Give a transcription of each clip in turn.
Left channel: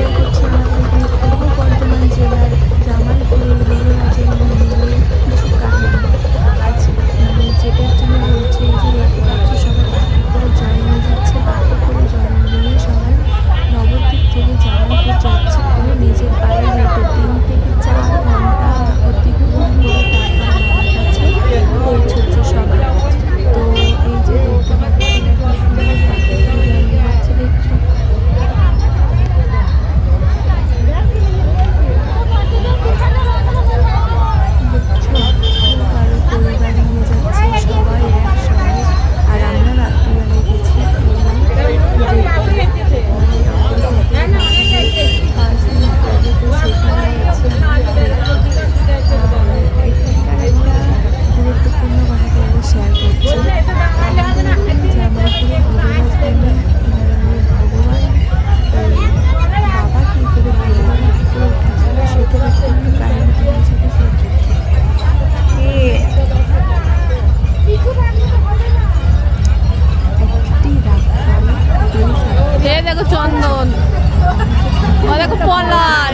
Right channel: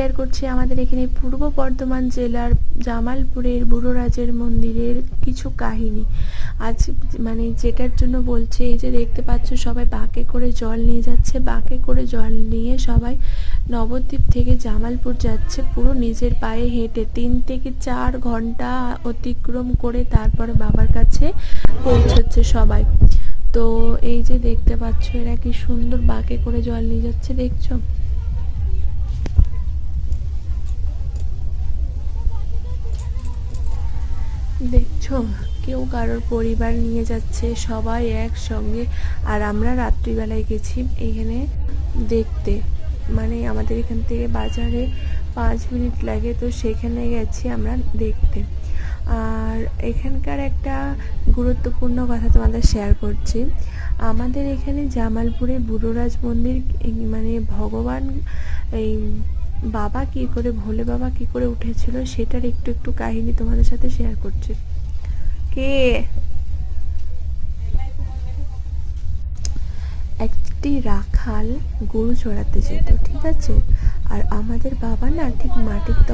Share করছি আমাদের এখানে পূর্ব বর্ধমান জেলার জামালপুরের গুরুরাজের মন্দিরের কিছু কাহিনী। আজ মানে যেটার জন্য বলছে, এই যে দেখতে পাচ্ছ সবাই বাঁকে করে জল নিয়ে যাচ্ছে, বাঁকে করে জল নিয়ে সবাই নবদ্বীপ থেকে জামালপুর যাচ্ছে পুরো নিজের পায়ে হেঁটে 3 থেকে 4 ঘন্টা অতিক্রম করে তারপরে বাবার কাছে পৌঁছচ্ছে সবাই। তো এই যে দেখতে পাচ্ছ না কি সুন্দর বাঁকে করে জল নিয়ে যাচ্ছে, দেখছো? দেখছো কেউ কারোর পরিবার নিয়ে যাচ্ছে, সবাই একসঙ্গে। আর আমরা রাত্রিবেলায় গেছি এখানে দেখতে, মানে আমাদের এখান থেকে বাজারে 5 মিনিট লাগে, তো সেখানে গেছি আমরা দেখতে। আর এখানকার একটা গুরুত্বপূর্ণ কথা তোমাদের শেয়ার করছি। আমাদের এখানে জামালপুরে গুরুরাজ মন্দির, মানে ভগবান এই বাবা কী করে, ভোলে বাবা কী করে উঠেছিল সেটার একটু কাহিনী তোমাদের সাথে শেয়ার করছি। একটি রাখাল গরু চড়াতে, দেখো চন্দন, আর আমাদের বাবা দেখো পলাই,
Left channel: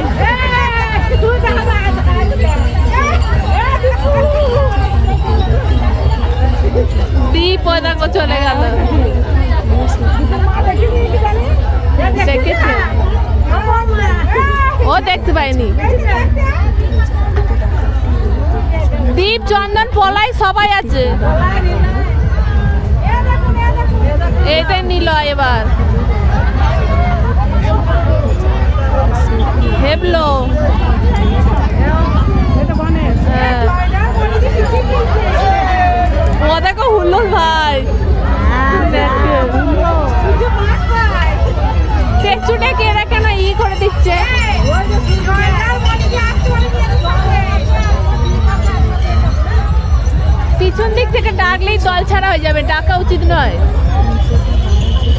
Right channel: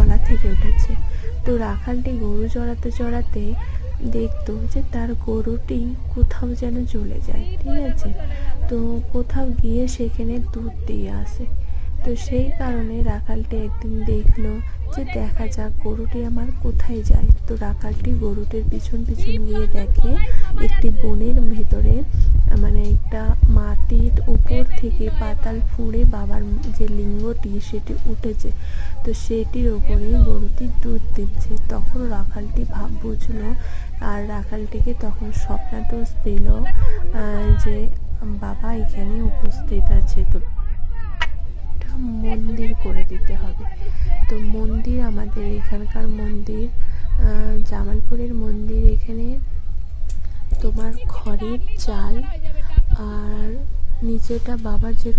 এই রাখালটা গরু চড়াতে দেখলাম যে তার গরুটি কোথায় যেন দীপ দেখো চলে গেল, কোথায় গিয়ে সেখানে ও দেখতে পাইনি। কোথায় যায়, তো রাখালটি গরুটির পিছনে দীপ, চন্দন, পলাই সবাই আছে। এইটাই নিল এবার হেবলো। ও দেখো হুল্লোড় ভাই, দেখছুটে কে এরা কেন ই করে দিচ্ছে। পিছন দিক থেকে ডাকলেই দল ছাড়া হয়ে যাবে, ডাকা উচিত নয়। নিজেটা বাবার জন্য